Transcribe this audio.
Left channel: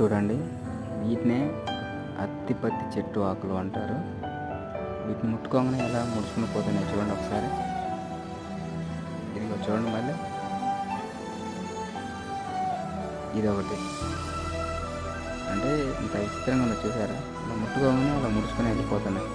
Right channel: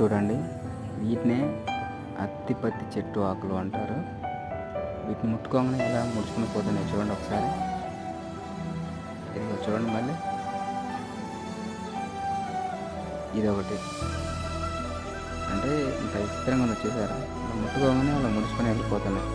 చూడండి, వీటినే అత్తిపత్తి చెట్టు ఆకులు అంటారు. వీటిని ముట్టుకోగానే ఎలా ముడుచుకుని పోతున్నాయి చూడండి ఒకసారి. ఇదిగో చూడండి మళ్ళీ ఇదొకటి. అంటే ఇంత విచిత్రంగా ఉందో చూసారా? అలా ముట్టుకోగానే అలా ముడుచుకొని వెళ్ళిపోతున్నాయి.